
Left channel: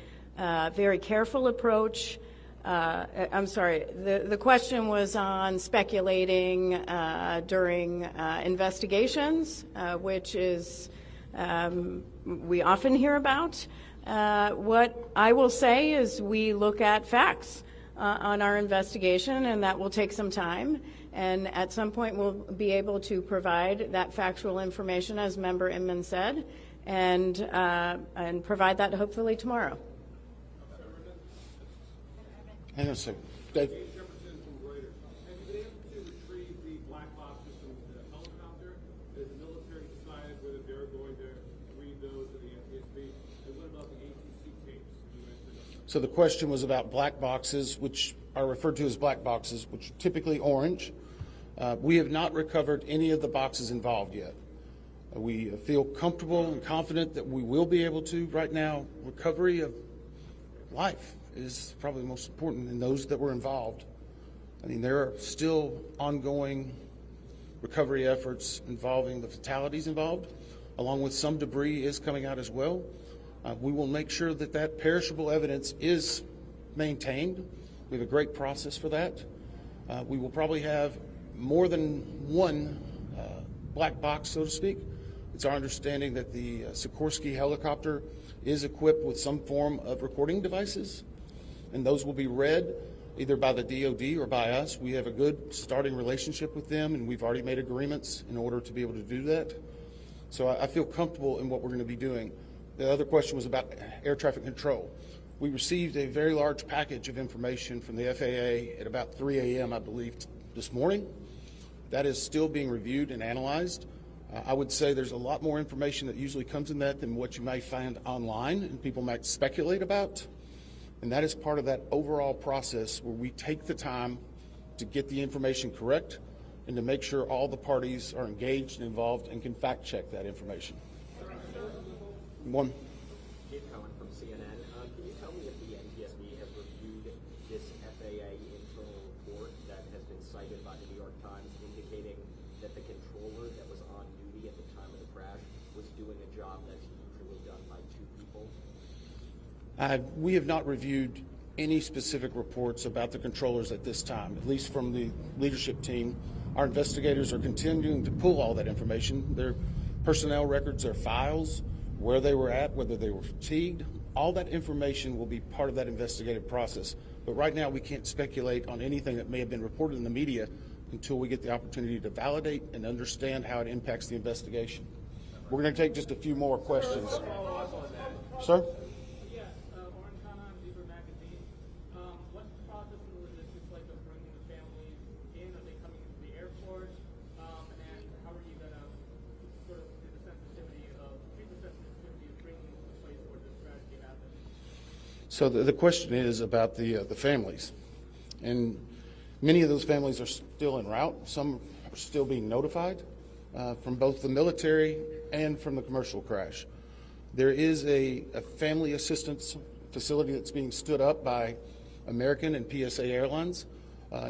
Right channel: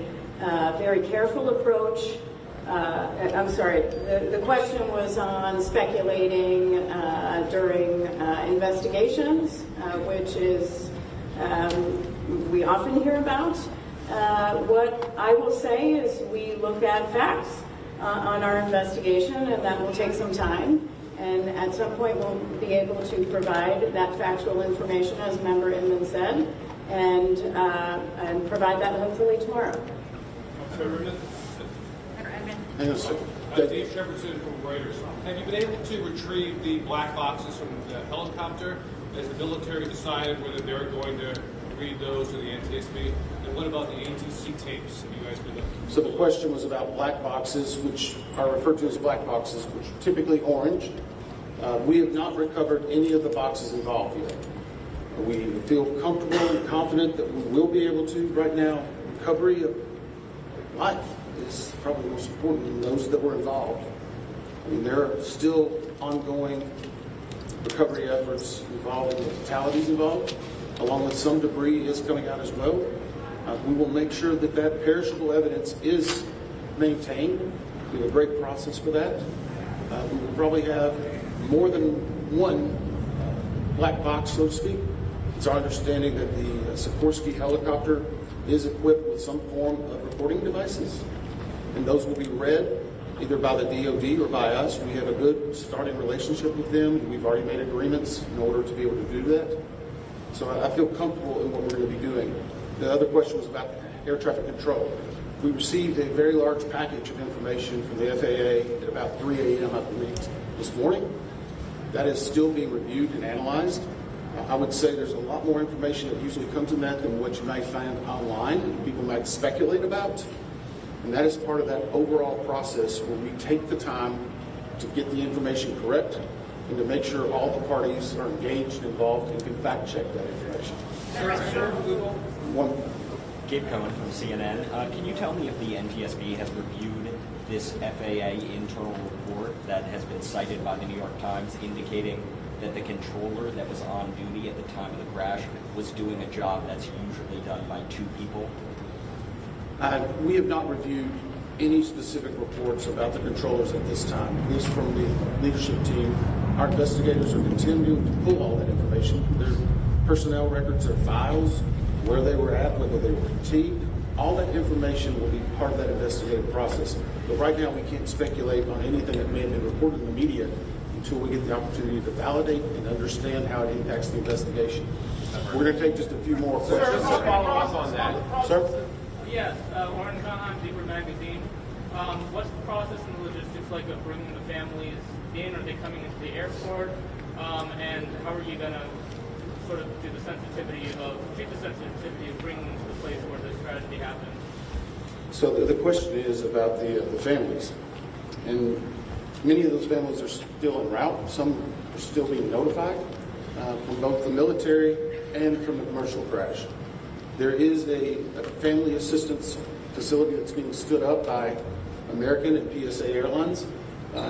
very careful approach. I'm sorry, the question was on speculating during investigations, which is we often hear about. What I will say is we look at facts on our investigation, and that will take some time. And at some point, we'll be able to provide that factual information, as Member Inman said, and provide that hopefully tomorrow. Yes, sir. Dave Shepardson from Reuters. Have you been able to retrieve the black boxes from the helicopter? Has the military decided whether they're going to read those to the NTSB? And what about the ATC tapes? Have you guys been looking? So the question was about black boxes, which are referred to as black boxes, which are typically orange. We have not recovered any of the boxes involved yet. We feel comfortable and confident that we will be able to. Right now, recovery of life is probably most important than those that were involved. I mean, there are still ongoing recovery efforts involving the fatalities involved, along with some debris is coming out as well. We will make sure that that perishable evidence is maintained. We have a great process for that. We will probably have more than one black box, so to speak. It's our understanding that the Sikorsky helicopter is equipped with some form of recording devices, and those will be read either by the DoD or by us. We have a good starting relationship with them, and we've already made agreements in order to be able to do that. So I feel comfortable in what we're going to be doing. The other question was about air traffic control. We received a very large package of information from the FAA at about 3 a.m., I believe, this morning. That is still being reviewed and analyzed. I would say there's a lot more information that usually comes in that than what you might find online and people might speculate about. And that is part of that overall process where we take the time to get the information correct and to make sure all the parties are engaged and involved and can fact check that information. One. Gabe Cohen from CNN. Can you tell me if the NTSB has reviewed this FAA internal report that has been cited by the New York Times indicating that the controller that was on duty at the time of the crash was doing a job that's usually done by 2 people? We have not reviewed any specific reports about the controllers at this time, at least from the leadership team. Our investigators are continuing to pull all that information. Their personnel records, their files, where they were at, whether they were fatigued. All that information will be part of that investigative process. But right now we can't speculate on anything that may have been reported in the media until we get the opportunity to validate and understand how it impacts the investigation. We're going to take just a few more questions. Sir, follow up on that. Sir? Yes, Warren Conheim, Deeper Magazine. What's the process and the logistics like of bringing the families in? Are they coming into the airport? And how are you going to sort of do the sensitivity of bringing them to the place where this tragedy happened? So the question is about the families. And many of those families are still en route. Some are still being notified from both the military and from the commercial crash. There is a family assistance facility that's being stood up by American and PSA Airlines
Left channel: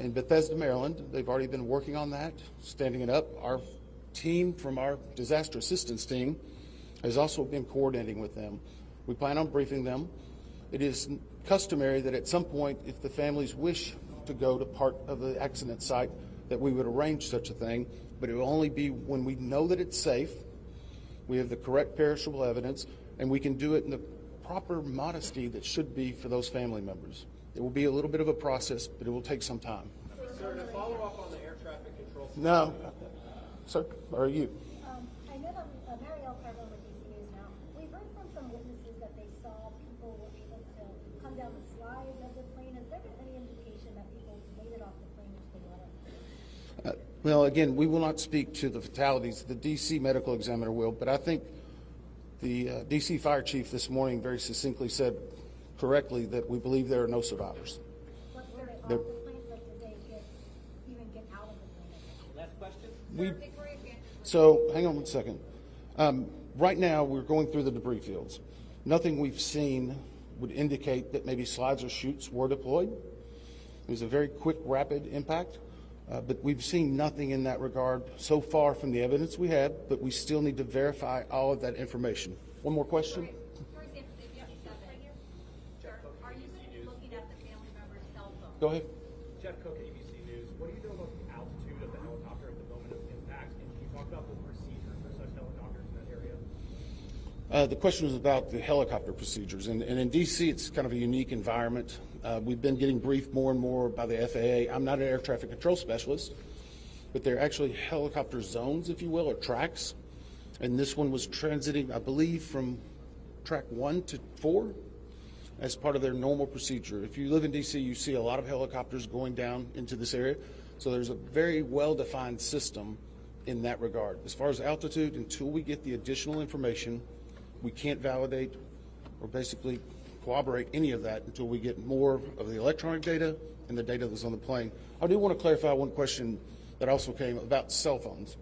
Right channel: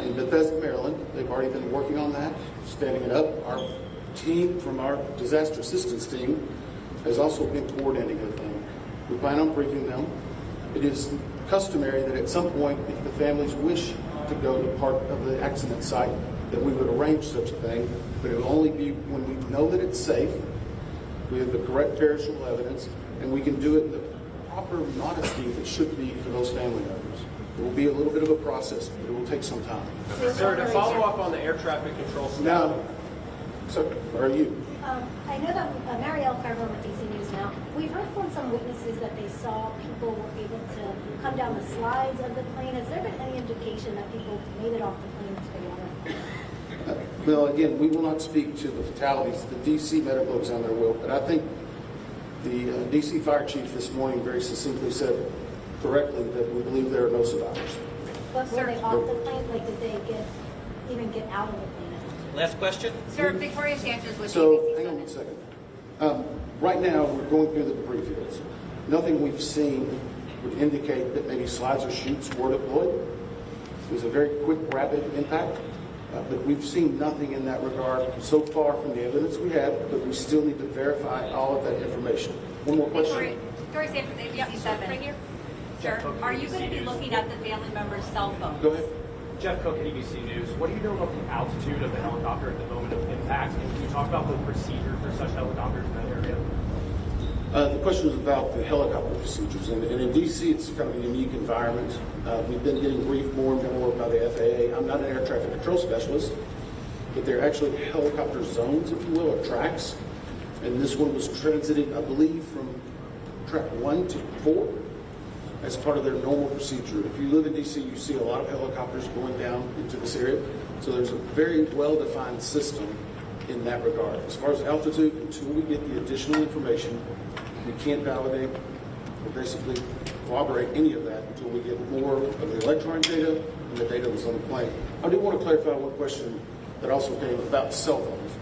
in Bethesda, Maryland. They've already been working on that, standing it up. Our team from our disaster assistance team has also been coordinating with them. We plan on briefing them. It is customary that at some point, if the families wish to go to part of the accident site, that we would arrange such a thing, but it will only be when we know that it's safe, we have the correct perishable evidence, and we can do it in the proper modesty that should be for those family members. It will be a little bit of a process, but it will take some time. Sir, to follow up on the air traffic control stuff. Now, sir, where are you? I know that Marielle Carver with DC News now. We've heard from some witnesses that they saw people were able to come down the slides of the plane. Has there been any indication that people made it off the plane together? Well, again, we will not speak to the fatalities. The DC medical examiner will, but I think the DC fire chief this morning very succinctly said correctly that we believe there are no survivors. But were they off the plane? Like, did they even get out of the plane? Last question. Sir, Victoria Sanchez with So, ABC. hang on one second. Right now, we're going through the debris fields. Nothing we've seen would indicate that maybe slides or chutes were deployed. It was a very quick, rapid impact, but we've seen nothing in that regard so far from the evidence we have, but we still need to verify all of that information. One more question? Victoria Sanchez, ABC 7. Right here. Sure. Are you going to be looking at the family member's cell phone? Go ahead. Jeff Cook at ABC News. What do you know about the altitude of the helicopter at the moment of impact? And can you talk about the procedure for such helicopters in that area? The question was about the helicopter procedures. And in D.C., it's kind of a unique environment. We've been getting briefed more and more by the FAA. I'm not an air traffic control specialist, but they're actually helicopter zones, if you will, or tracks. And this one was transiting, I believe, from track 1 to 4. As part of their normal procedure. If you live in D.C., you see a lot of helicopters going down into this area. So there's a very well-defined system in that regard. As far as altitude, until we get the additional information, we can't validate or basically corroborate any of that until we get more of the electronic data and the data that's on the plane. I do want to clarify one question that also came about cell phones.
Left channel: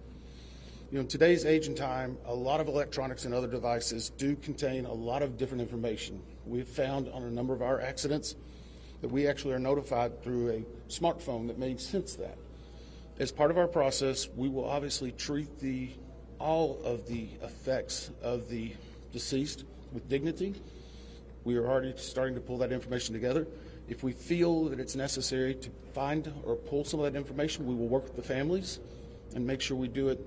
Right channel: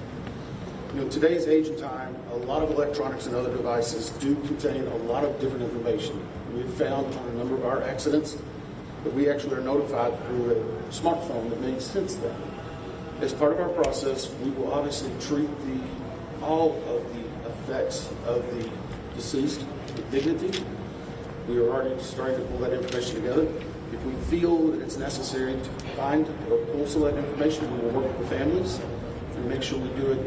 You know, today's age and time, a lot of electronics and other devices do contain a lot of different information. We've found on a number of our accidents that we actually are notified through a smartphone that made sense then. As part of our process, we will obviously treat all of the effects of the deceased with dignity. We are already starting to pull that information together. If we feel that it's necessary to find or pull some of that information, we will work with the families and make sure we do it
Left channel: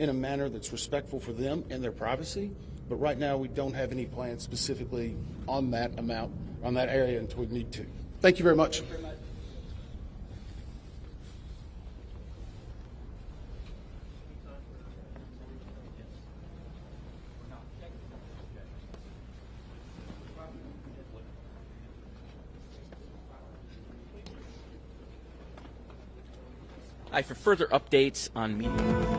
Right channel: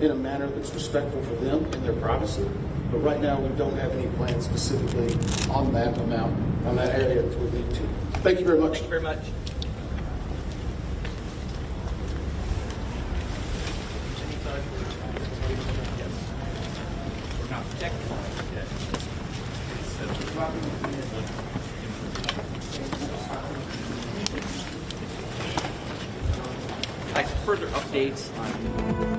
in a manner that's respectful for them and their privacy. But right now, we don't have any plans specifically on that amount, on that area until we need to. Thank you very much. Thank you very much. Further updates on